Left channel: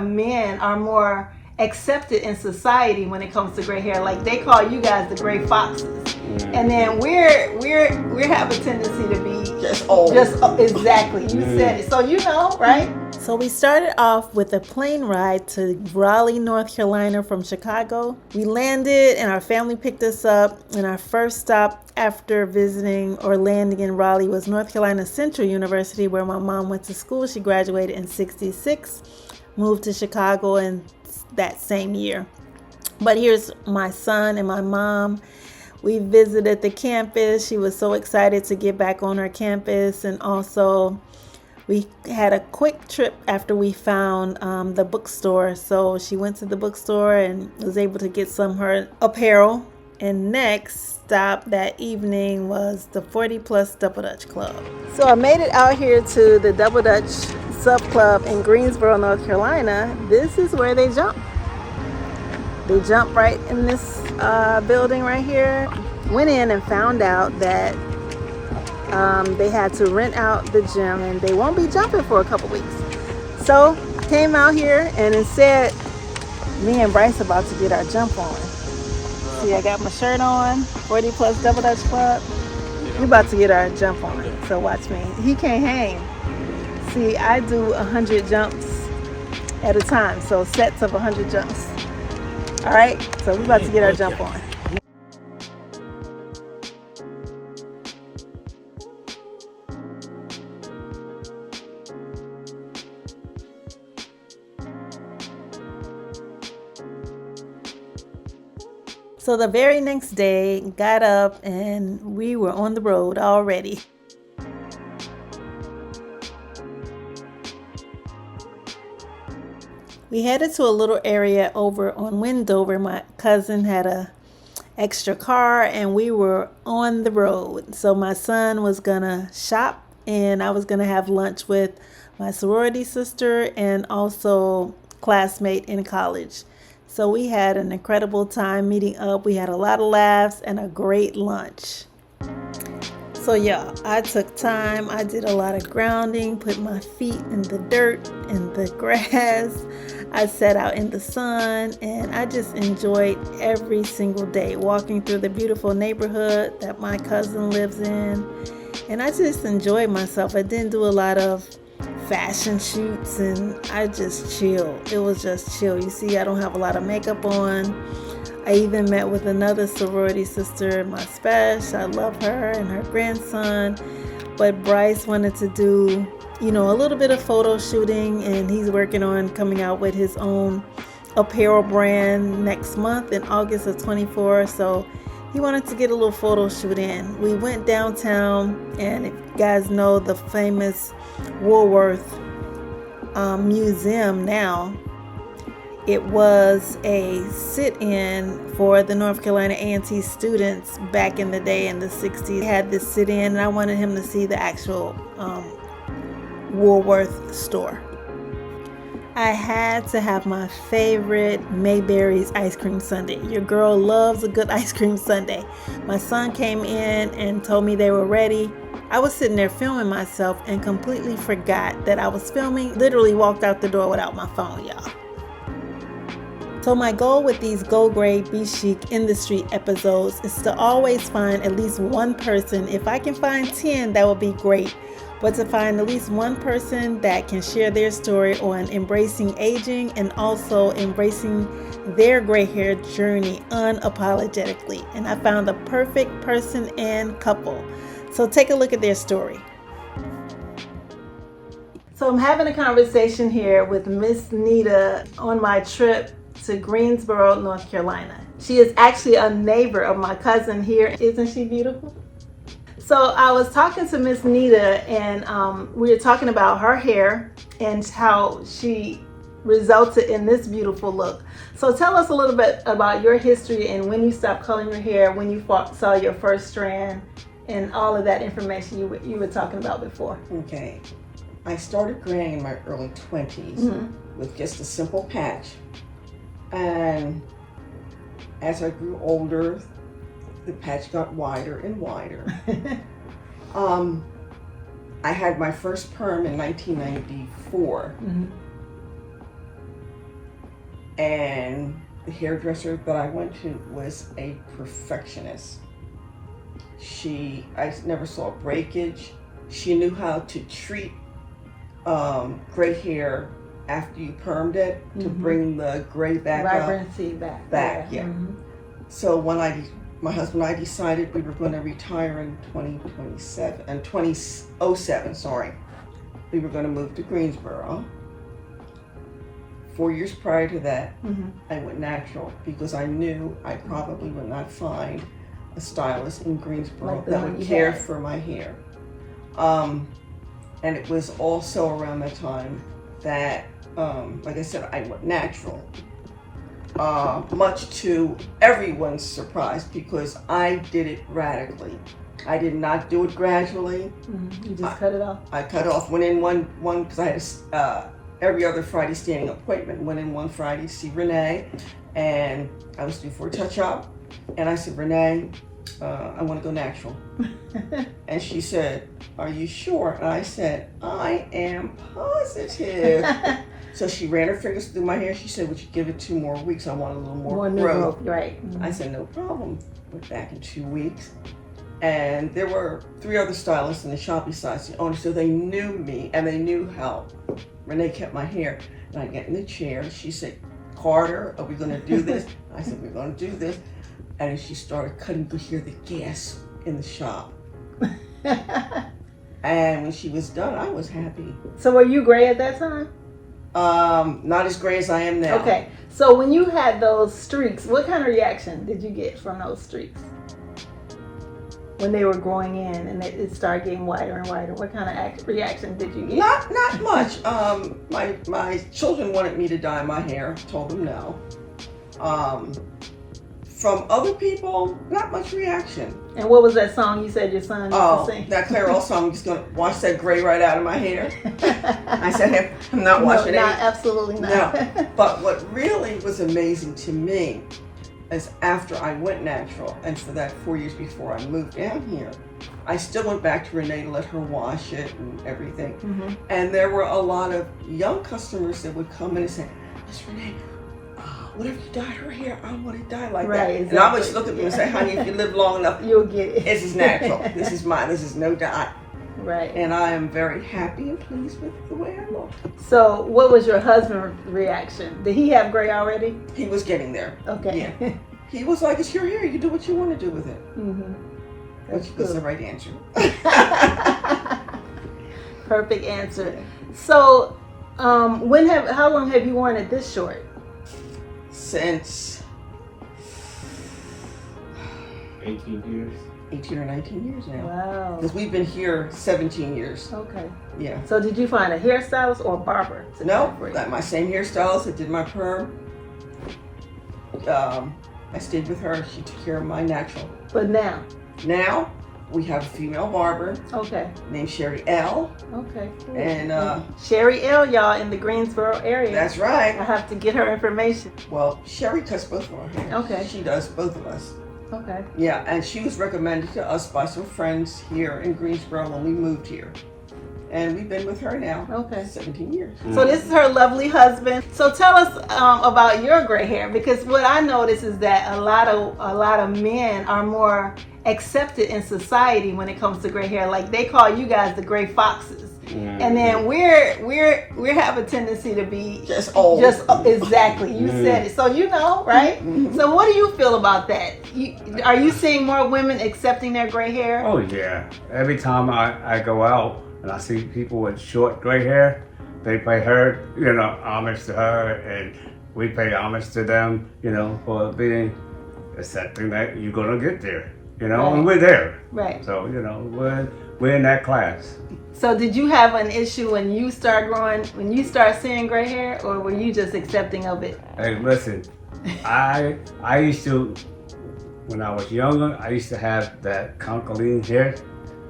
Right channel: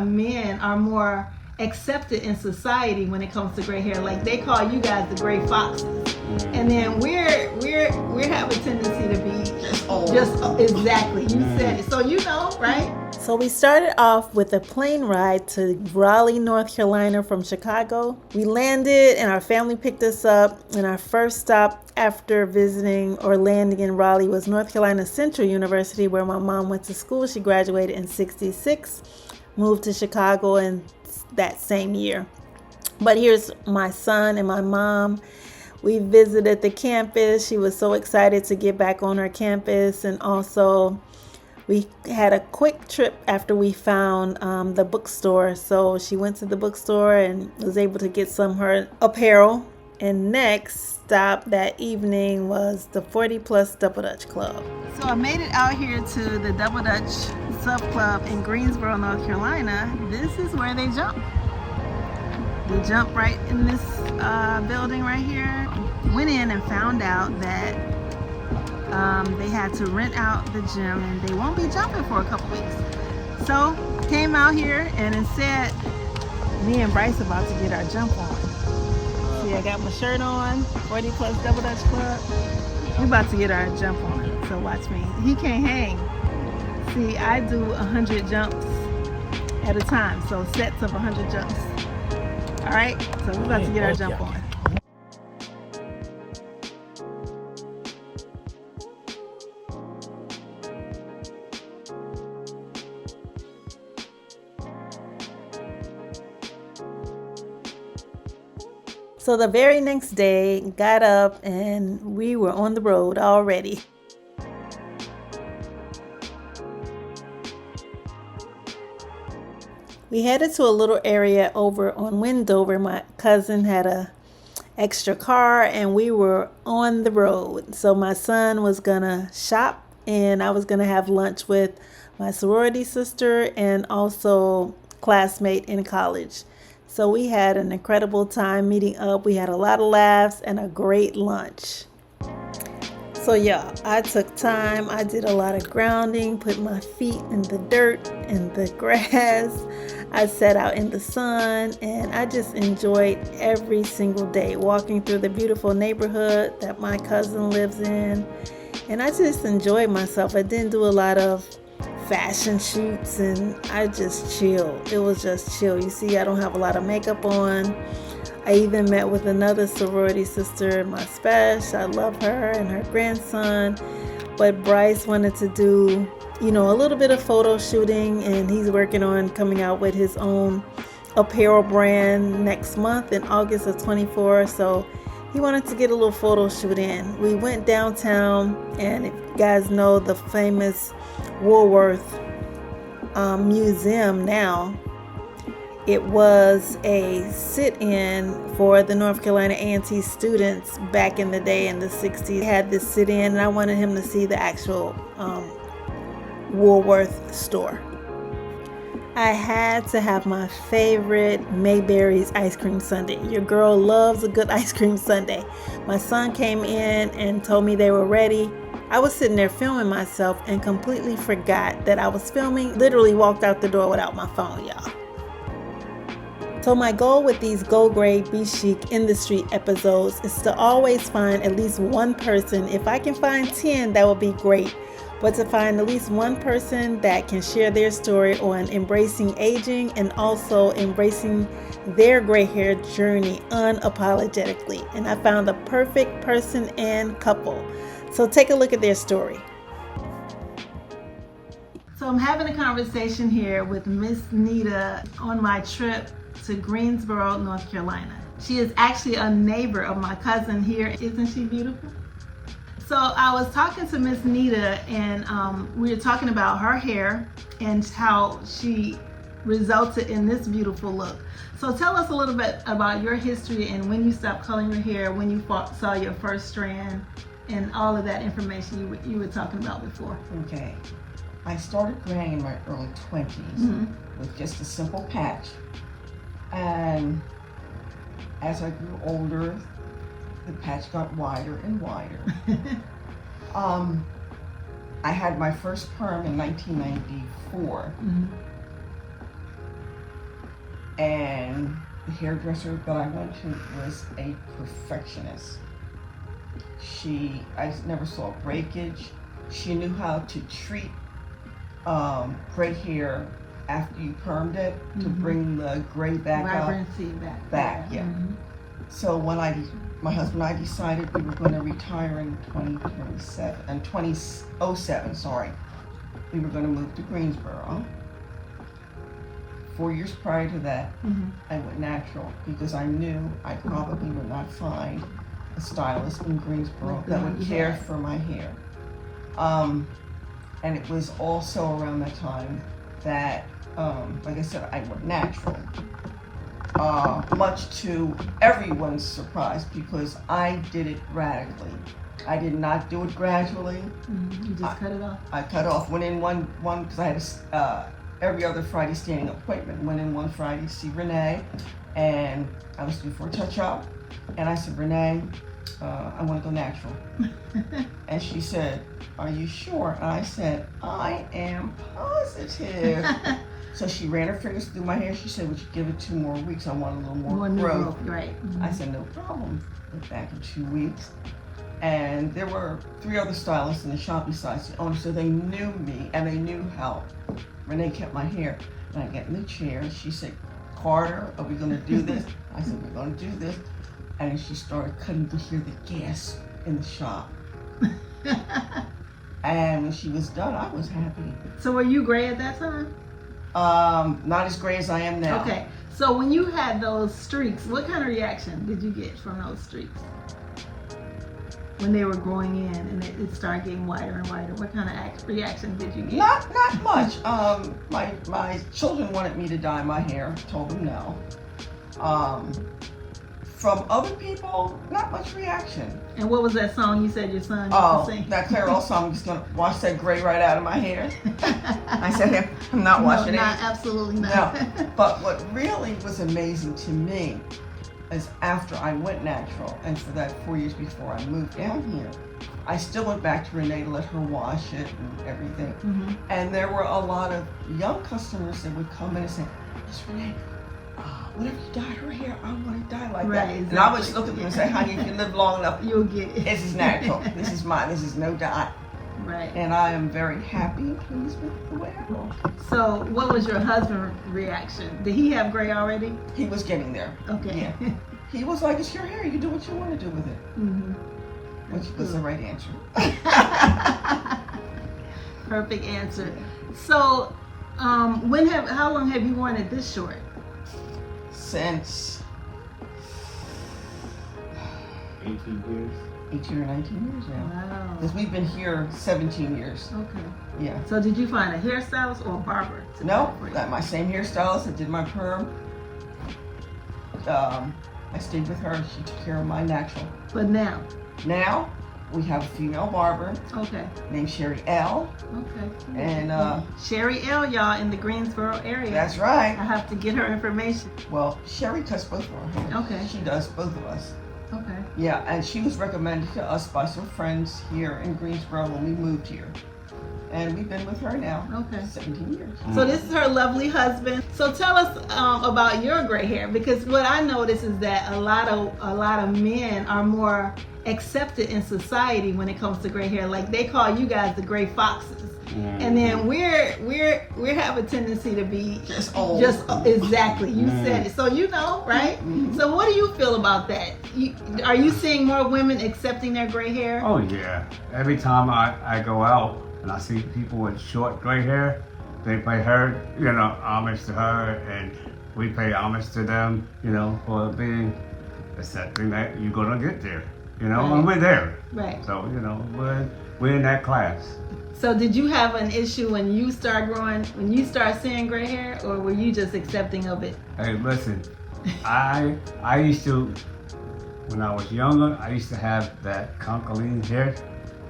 men are more accepted in society when it comes to gray hair. Like they call you guys the gray foxes, and then we have a tendency to be just old. Exactly. You said it. So you know, right? So we started off with a plane ride to Raleigh, North Carolina from Chicago. We landed and our family picked us up, and our first stop after visiting or landing in Raleigh was North Carolina Central University, where my mom went to school. She graduated in '66, moved to Chicago in that same year. But here's my son and my mom. We visited the campus. She was so excited to get back on her campus, and also we had a quick trip after we found the bookstore. So she went to the bookstore and was able to get some of her apparel. And next stop that evening was the 40 Plus Double Dutch Club. So I made it out here to the Double Dutch Sub Club in Greensboro, North Carolina. This is where they jump. They jump right in this building right here. Went in and found out that they had to rent out the gym and they won't be jumping for a couple weeks. So I came out here and instead, me and Bryce about to get our jump on. See, I got my shirt on, 40 Plus Double Dutch Club. We about to get our jump on, so watch me. He can't hang. See, I do 100 jumps at a time, so sets of 100 jumps. All right, so we about to get our jump on. So the very next day, got up and we were on the road already. We headed to a little area over on Wendover. My cousin had a extra car and we were on the road. So my son was gonna shop and I was gonna have lunch with my sorority sister and also classmate in college. So we had an incredible time meeting up. We had a lot of laughs and a great lunch. So yeah, I took time. I did a lot of grounding, put my feet in the dirt and the grass. I sat out in the sun and I just enjoyed every single day walking through the beautiful neighborhood that my cousin lives in. And I just enjoyed myself. I didn't do a lot of fashion shoots and I just chilled. It was just chill. You see, I don't have a lot of makeup on. I even met with another sorority sister, my special. I love her and her grandson. But Bryce wanted to do, a little bit of photo shooting, and he's working on coming out with his own apparel brand next month in August of 24. So he wanted to get a little photo shoot in. We went downtown, and if you guys know the famous Woolworth Museum now, it was a sit-in for the North Carolina A&T students back in the day in the 60s. They had this sit-in and I wanted him to see the actual Woolworth store. I had to have my favorite Mayberry's ice cream sundae. Your girl loves a good ice cream sundae. My son came in and told me they were ready. I was sitting there filming myself and completely forgot that I was filming. Literally walked out the door without my phone, y'all. So my goal with these Go Gray Be Chic in the Street episodes is to always find at least one person. If I can find 10, that would be great. But to find at least one person that can share their story on embracing aging and also embracing their gray hair journey unapologetically. And I found the perfect person and couple. So take a look at their story. So I'm having a conversation here with Miss Nita on my trip to Greensboro, North Carolina. She is actually a neighbor of my cousin here. Isn't she beautiful? So I was talking to Miss Nita and we were talking about her hair and how she resulted in this beautiful look. So tell us a little bit about your history and when you stopped coloring your hair, when you saw your first strand, and all of that information you were talking about before. Okay. I started graying in my early 20s with just a simple patch. And as I grew older, the patch got wider and wider. I had my first perm in 1994. And the hairdresser that I went to was a perfectionist. I never saw breakage. She knew how to treat gray hair after you permed it to bring the gray back Vibrancy up. back. Yeah. So when my husband and I decided we were going to retire in 2007, sorry. We were going to move to Greensboro. 4 years prior to that, I went natural because I knew I probably would not find a stylist in Greensboro that would care for my hair. And it was also around that time that, like I said, I went natural. Much to everyone's surprise because I did it radically. I did not do it gradually. You just cut it off? I cut off, went in one because I had every other Friday standing appointment. Went in one Friday to see Renee, and I was due for a touch-up. And I said, Renee, I want to go natural. And she said, are you sure? And I said, I am positive. So she ran her fingers through my hair. She said, would you give it 2 more weeks? I want a little more growth. Right. I said, no problem. Went back in 2 weeks. And there were 3 other stylists in the shop besides the owner, so they knew me and they knew how Renee kept my hair. And I get in the chair and she said, Carter, are we gonna do this? I said, we're gonna do this. And then she started cutting to hear the gasp in the shop. And when she was done, I was happy. So were you gray at that time? Not as gray as I am now. Okay, so when you had those streaks, what kind of reaction did you get from those streaks? When they were growing in and it started getting wider and wider, what kind of reaction did you get? Not much. My children wanted me to dye my hair. Told them no. From other people, not much reaction. And what was that song you said your son used to sing? That Clairol song, I'm just going to wash that gray right out of my hair. I said, I'm not washing it. Absolutely not. No. But what really was amazing to me is after I went natural, and for that 4 years before I moved down here, I still went back to Renee to let her wash it and everything. And there were a lot of young customers that would come in and say, Miss Renee, whatever you dye her hair, I want to dye like that. Exactly. And I would just look at them and say, honey, if you live long enough, you'll get it. This is natural. This is mine. This is no dye. Right. And I am very happy and pleased with the way I look. So what was your husband's reaction? Did he have gray already? He was getting there. Okay. Yeah. He was like, it's your hair. You can do what you want to do with it. Which was the right answer. Perfect answer. So how long have you worn it this short? Since 18 years. 18 or 19 years now. Wow. Because we've been here 17 years. Okay. Yeah. So did you find a hairstylist or a barber? No, my same hairstylist that did my perm. I stayed with her. She took care of my natural. But now we have a female barber. Okay. Named Sherry L. Okay. Cool. And Sherry L, y'all, in the Greensboro area. That's right. I have to get her information. Well, Sherry cuts both of our hair. Okay. She does, both of us. Okay. Yeah, and she was recommended to us by some friends here in Greensboro when we moved here. And we've been with her now. Okay. 17 years. So this is her lovely husband. So tell us about your gray hair, because what I notice is that a lot of men are more accepted in society when it comes to gray hair. Like they call you guys the gray foxes. And then we have a tendency to be just old. Exactly. You said it. So you know, right? So what do you feel about that? Are you seeing more women accepting their gray hair? Oh yeah. Every time I go out and I see people with short gray hair, they pay her, homage to her, and we pay homage to them, for being accepting that you're gonna get there, and we're there. Right. So we're in that class. So did you have an issue when you start seeing gray hair, or were you just accepting of it? Hey, listen, I used to, when I was younger, I used to have that concholine hair.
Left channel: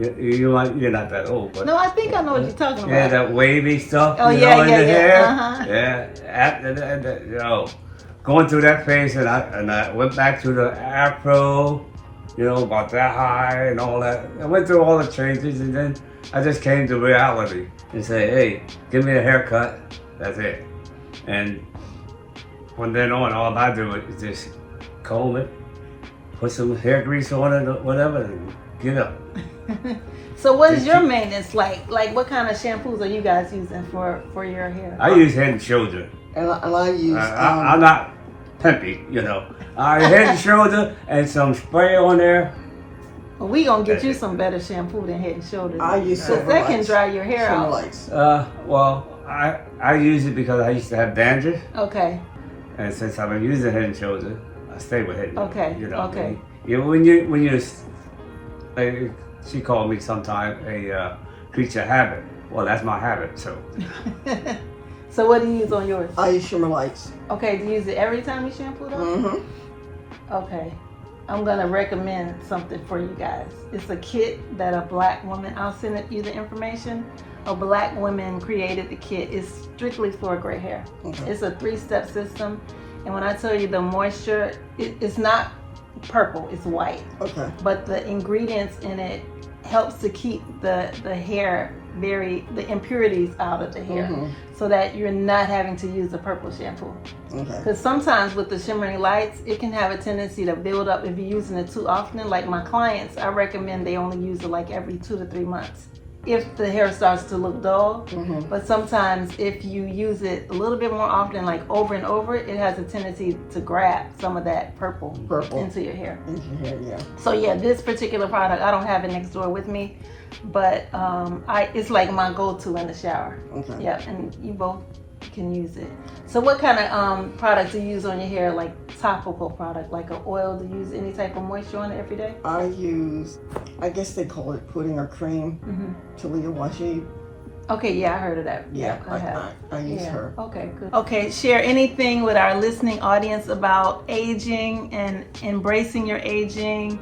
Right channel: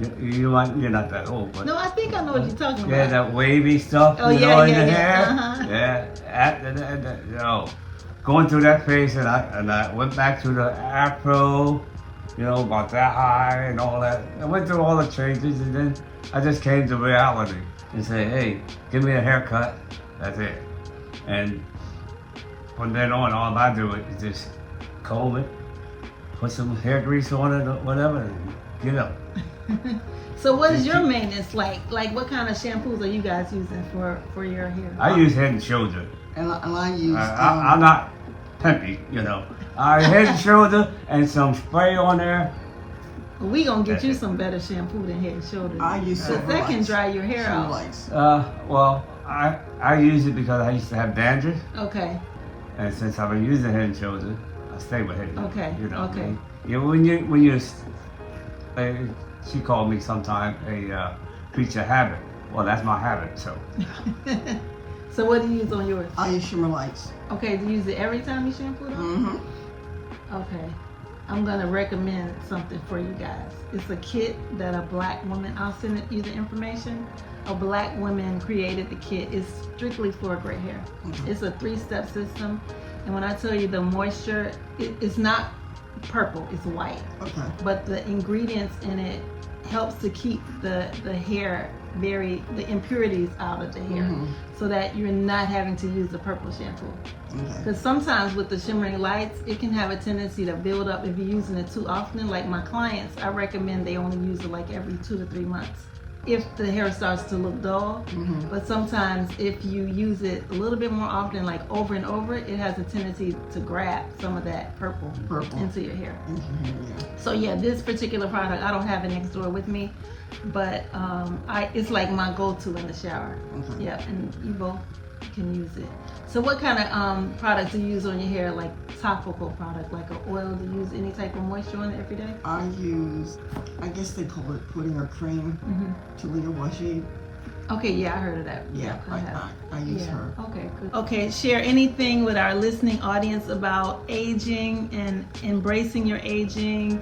You're not that old, but no, I think I know what you're talking about. Yeah, that wavy stuff, in the hair. Yeah, after that, going through that phase, and I went back to the afro, about that high and all that. I went through all the changes, and then I just came to reality and say, hey, give me a haircut. That's it. And from then on, all I do is just comb it, put some hair grease on it, or whatever, and get up. So what is your maintenance like? Like what kind of shampoos are you guys using for your hair? I use Head and Shoulder. And I use. I'm not pimpy, you know. I Head and Shoulder and some spray on there. Well, we gonna get you some better shampoo than Head and Shoulders. I use because that can dry your hair Silver out. Lights. Well, I use it because I used to have dandruff, Okay. and since I've been using Head and Shoulder, I stay with Head and Okay. You know, Okay. when you're like, she called me sometime a creature of habit. Well, that's my habit. So. So what do you use on yours? I use Shimmer Lights. Okay, do you use it every time you shampoo them? Mm-hmm. Okay. I'm gonna recommend something for you guys. It's a kit that a black woman, I'll send you the information. A black woman created the kit. It's strictly for gray hair. Okay. It's a 3-step system. And when I tell you the moisture, it's not purple, it's white. Okay. But the ingredients in it helps to keep the hair the impurities out of the hair, so that you're not having to use the purple shampoo. Okay. Because sometimes with the shimmering lights, it can have a tendency to build up if you're using it too often. Like my clients, I recommend they only use it like every 2 to 3 months if the hair starts to look dull. But sometimes if you use it a little bit more often, like over and over, it has a tendency to grab some of that purple into your hair. Into your hair, yeah. So yeah, this particular product, I don't have it next door with me, but it's like my go-to in the shower. Okay. Yeah, and you both can use it. So what kind of product do you use on your hair, like topical product, like an oil? Do you use any type of moisture on it every day? I use, I guess they call it pudding or cream, Talia Washi. Okay, yeah, I heard of that. Yeah, I use her. Okay, good. Okay, share anything with our listening audience about aging and embracing your aging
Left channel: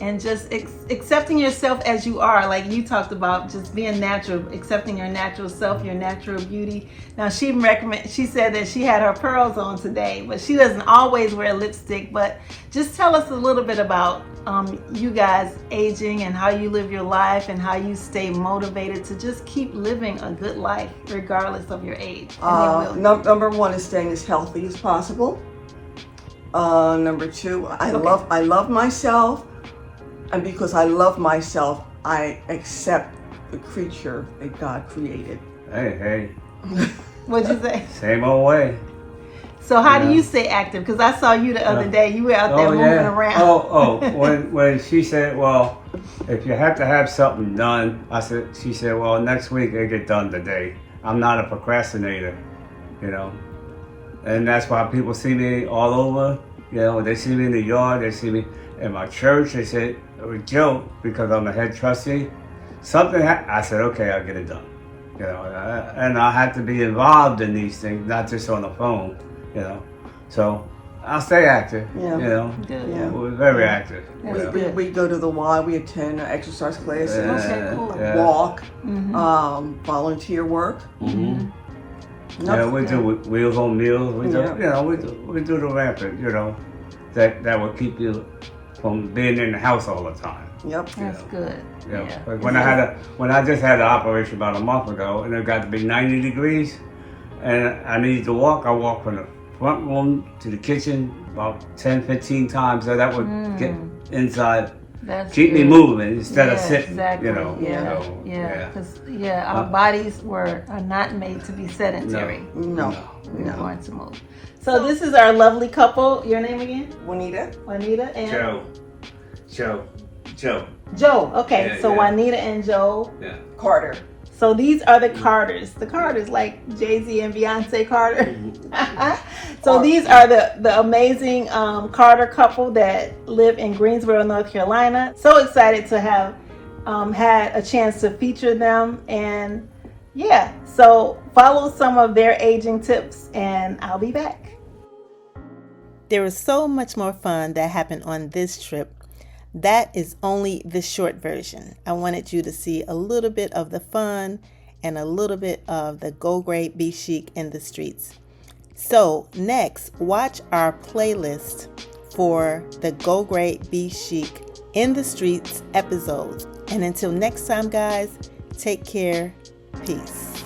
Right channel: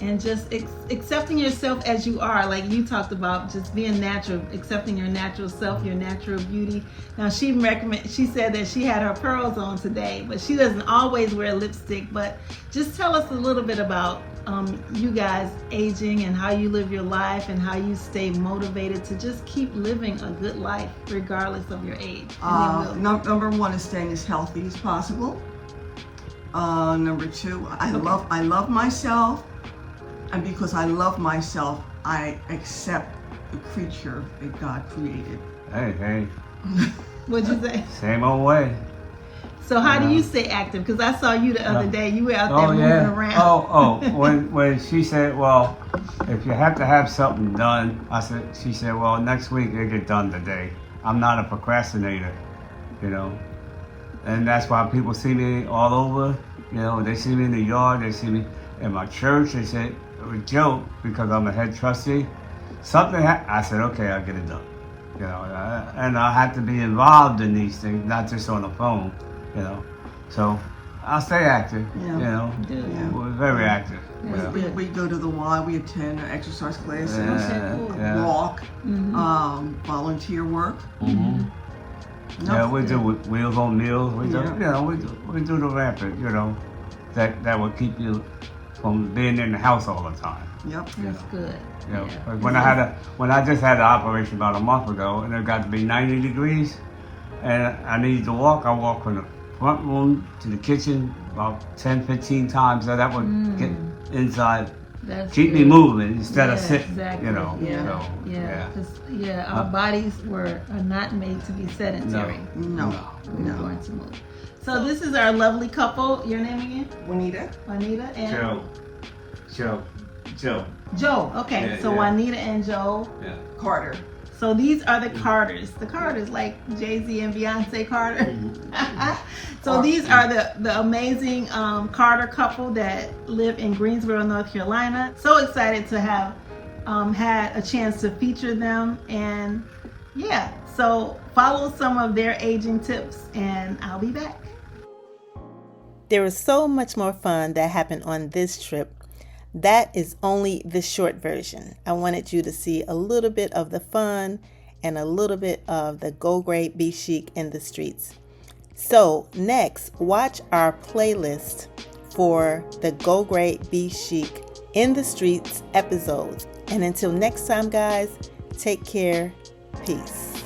and just accepting yourself as you are. Like you talked about just being natural, accepting your natural self, your natural beauty. Now she said that she had her pearls on today, but she doesn't always wear lipstick. But just tell us a little bit about you guys aging and how you live your life and how you stay motivated to just keep living a good life regardless of your age. Number one is staying as healthy as possible. Number two, I love myself. And because I love myself, I accept the creature that God created. Hey. What'd you say? Same old way. So how do you stay active? Because I saw you the other day. You were out there moving around. When she said, well, if you have to have something done, she said, well, next week it get done today. I'm not a procrastinator, you know. And that's why people see me all over. You know, they see me in the yard, they see me in my church. They say, Joe, because I'm a head trustee, I said, okay, I'll get it done. You know, and I have to be involved in these things, not just on the phone, you know. So I'll stay active, you know. Yeah. We're very active. We go to the Y, we attend exercise classes, walk, volunteer work. Yeah, we do Wheels on Meals. We do, you know, we do the rampant, you know, that will keep you from being in the house all the time. Yep. That's good. Yeah. When I just had an operation about a month ago, and it got to be 90 degrees, and I needed to walk. I walked from the front room to the kitchen about 10, 15 times, so that would get inside, keep me moving instead of sitting. Exactly. You know. Yeah. So, our bodies are not made to be sedentary. No. Hard to move. So this is our lovely couple. Your name again? Juanita and Joe. Okay, Yeah, so yeah. Juanita and Joe. Yeah. Carter. So these are the Carters. The Carters, like Jay-Z and Beyonce Carter. So these are the amazing Carter couple that live in Greensboro, North Carolina. So excited to have had a chance to feature them. And yeah, so follow some of their aging tips and I'll be back. There was so much more fun that happened on this trip. That is only the short version. I wanted you to see a little bit of the fun and a little bit of the Go Great Be Chic in the streets. So next, watch our playlist for the Go Great Be Chic in the streets episodes. And until next time, guys, take care. Peace.